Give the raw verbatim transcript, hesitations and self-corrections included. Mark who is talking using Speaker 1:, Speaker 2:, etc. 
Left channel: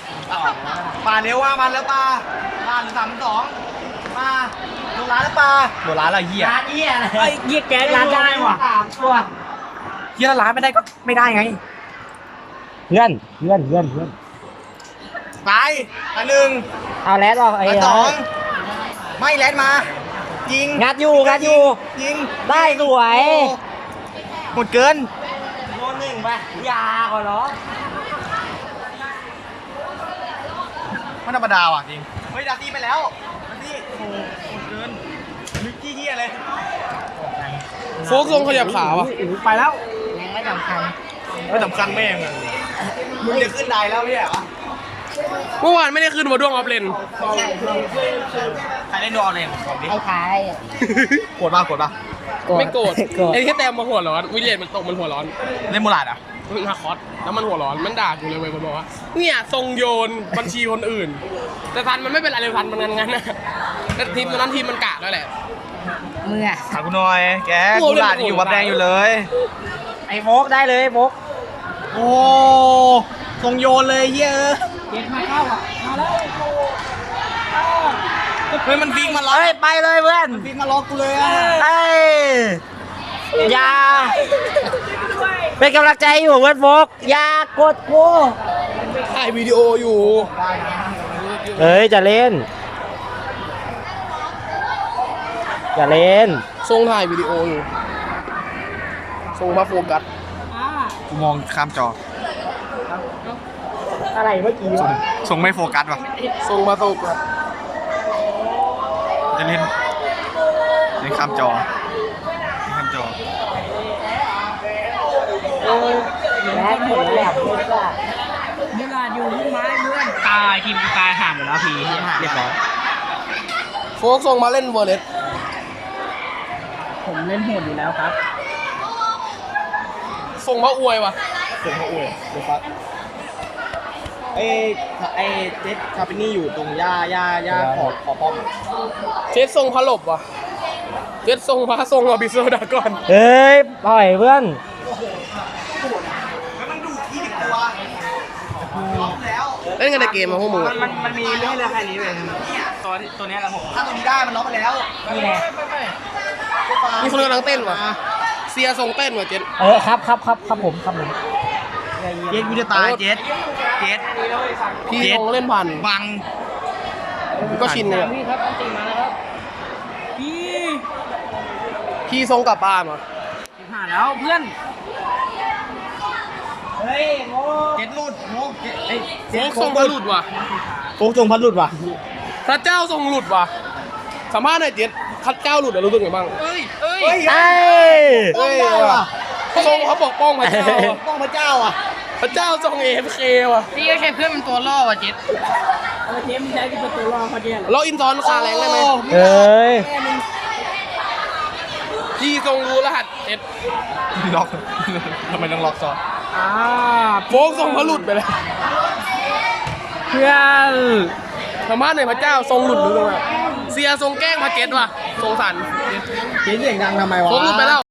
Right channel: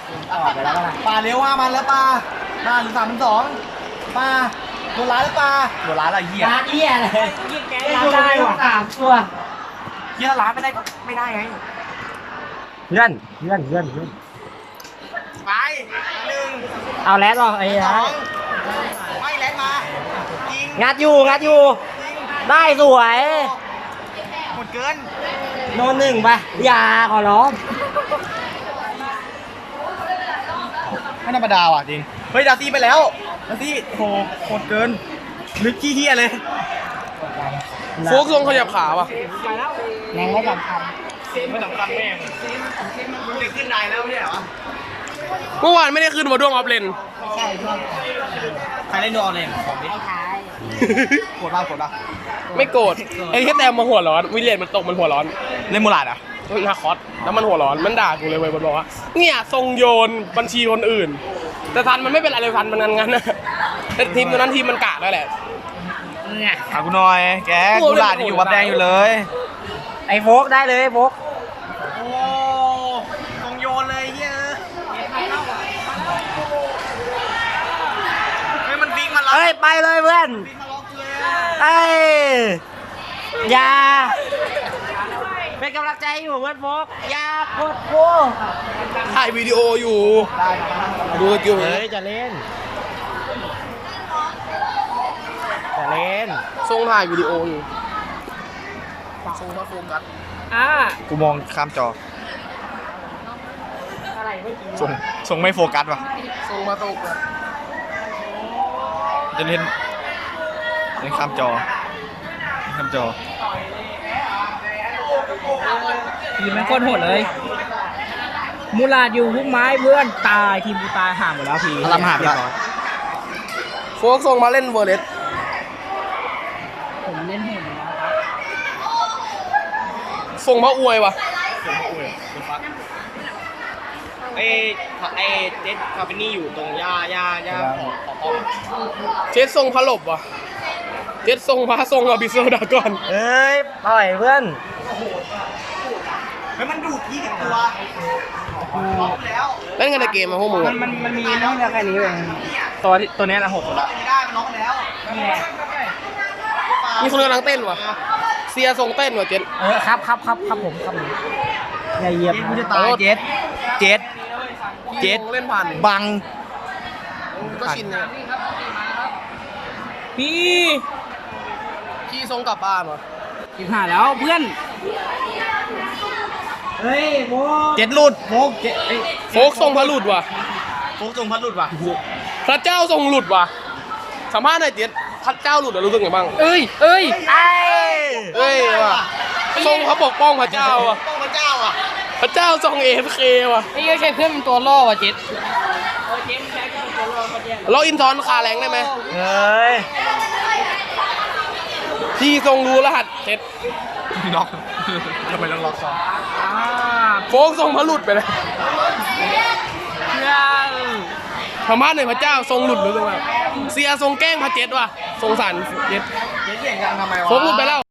Speaker 1: ป่าเร็วว่ามันแล้วป่าด่านสามสองป่าโดนร้านแล้วป่าโดนร้านอะไรเหี้ย
Speaker 2: ร้านเหี้ยอะไรเหี้ยแกร้านได้ว่ะตัว
Speaker 1: เหี้ยร้านไม่ได้ก็ไม่ได้ไง
Speaker 2: เพื่อนเพื่อนเพื่อนเพื่อน
Speaker 1: ไปอันหนึ่ง
Speaker 2: เอาแรดออกไอ้
Speaker 1: ส
Speaker 2: ฮะ
Speaker 1: องไม่แลนมาจริง
Speaker 2: งัดอยู่งัดอยู่
Speaker 1: จริง
Speaker 2: ได้สวย
Speaker 1: หมดเกิน
Speaker 2: โดนหนึ่งไปอย่าขอร้อง
Speaker 1: ไม่ธรรมดาว่ะจริงเฮ้ยดาซี่ไปแล้วดาซี่โหหมดเกินนึกขี้เหี้ยเลย
Speaker 3: โฟกทรงขยับขาว่ะ
Speaker 1: ไปแล้ว
Speaker 2: แรงไม่สำคัญ
Speaker 1: ไม่สำคัญแม่งมึงจะขึ้นได้แล้วเนี่ยเหรอ
Speaker 3: เมื่อวานไม่ได้ขึ้นมาด้วงออฟเลน
Speaker 2: ไม่ใช่ช่วง
Speaker 1: ใครเล่นดออะไรของผมดิ
Speaker 2: ไอ้ท้าย
Speaker 1: โกรธป่ะโกรธป่ะ
Speaker 3: ไม่โกรธไอ้แค่แต้มมาหัวร้อนวิลเลียนมันตกมันหัวร้อน
Speaker 1: เล่นมูลาดอ่ะ
Speaker 3: มันนาคอสแล้วมันหัวร้อนมันด่ากูเลยเว้ยมันบอกว่าเนี่ยทรงโยนบัญชีคนอื่น แต่ทันมันไม่เป็นอะไรเลยทันมันงั้นงั้นนะแต่ทีมตอนนั้นทีมมันกากแล้วแหละ
Speaker 2: มึงอะ
Speaker 1: ถามกูหน่อย แกมูลาดยังอยู่วัดแดงอยู่เลย
Speaker 2: ไอ้โฟกได้เลยโฟก
Speaker 1: โอ้ทรงโยนเลยเฮ้ยเฮ้ยมันฟิกมันล็อก
Speaker 2: เอ้ยไปเลยเพื่อน
Speaker 1: ฟิกมาล็อกกูเลยอ่ะ
Speaker 2: เอ้ยอย่าเป็นกำลังใจอยู่เพื่อนโฟกอย่ากดกู
Speaker 3: ถ่ายวิดีโออยู่ดูสกิล
Speaker 2: เฮ้ยจะเล่นจะเล่น
Speaker 3: ทรงถ่ายวิดีโออยู่ทรงพระโฟกัส
Speaker 1: กูมองข้ามจอ
Speaker 2: อะไรเมื่อกี้
Speaker 1: ส่งส่งไม่โฟกัสว่ะ
Speaker 3: ทรงพระโฟกัส
Speaker 1: จะเล่นเล่นข้ามจอข้ามจอ
Speaker 2: เป็นคนหมดเลยมูลาดอยู่พุ่งไม้บ้วนตายทีมกูตายห่างหมดแล้วพี่ห่างเรียบร้อย
Speaker 3: โฟกทรงมาเล่นเวอร์เลส
Speaker 2: ผมเล่นโหดอยู่แล้วครับ
Speaker 3: ทรงพระอวยว่ะ
Speaker 1: ส่งมาอวยดูฟักไอ้ไอ้เจ็ดคาเปนี่อยู่ตรงย่าย่าย่าขอบขอบป้อม
Speaker 3: เจ็ดทรงพระหลบว่ะเจ็ดทรงพระทรงอบิโซดากอน
Speaker 2: เฮ้ยปล่อยเพื่อน
Speaker 1: เฮ้ยมันดูดยี่สิบตัวล็อกแล้ว
Speaker 3: เล่นกันในเกมมาพวกมึงอะ
Speaker 2: มันมันมีเรื่องเรือแค่นี้เองตัวตัวนี้ละหก
Speaker 1: ถ้าตัวนี้ได้มันล็อกไปแล้ว
Speaker 2: นี่ไง
Speaker 3: มีคนกำลังเต้นว่ะเซียทรงเต้นว่ะเจ็ด
Speaker 2: เออครับครับครับครับผมครับผมในเยี่ยม
Speaker 1: เจ็ดกูจะตายเจ็ดเจ็ด
Speaker 3: พี่ทรงเล่นผ่าน
Speaker 1: บัง
Speaker 3: ก็ชินเนี่ย
Speaker 2: พี่
Speaker 3: พี่ทรงกลับบ้านว่ะ
Speaker 2: สิบห้าแล้วเพื่อนเฮ้ยโม
Speaker 1: เจ็ดหลุดโฟกเจ็ดเอ้ย
Speaker 3: โฟกทรงพระหลุดว่ะ
Speaker 1: โฟกทรงพัดหลุดว่ะ
Speaker 3: พระเจ้าทรงหลุดว่ะสัมภาษณ์หน่อยเจ็ดพระเจ้าหลุดอะรู้สึกไงบ้างเอ้ยเอ้ย
Speaker 2: เอ้ย
Speaker 3: เอ้ยว่ะทรงเขาปกป้องพระเจ้าว่ะ
Speaker 1: ป้องพระเจ้าอ่ะ
Speaker 3: พระเจ้าทรงเอฟเคว่ะ
Speaker 2: นี่ใช่เพื่อนมันตัวล่อว่ะจิตเออเจมใช้เป็นตัวล่อเขาเนี่ย
Speaker 3: เราอินทอนคาแรงได้ไหม
Speaker 2: เอ้ย
Speaker 3: พี่ทรงรู้รหัสเจ็ด
Speaker 1: ล็อกทำไมต้องล็อกซ้อน
Speaker 2: อ่า
Speaker 3: โฟกทรงพระหลุดไปเลย
Speaker 2: เพื่อน
Speaker 3: สัมภาษณ์หน่อยพระเจ้าทรงหลุดรู้สึกว่าเสียทรงแกล้งพระเจ็ดว่ะทรงสัน
Speaker 1: เจ็ดเสียงดังทำไมวะ
Speaker 3: โฟกหลุดไปแล้ว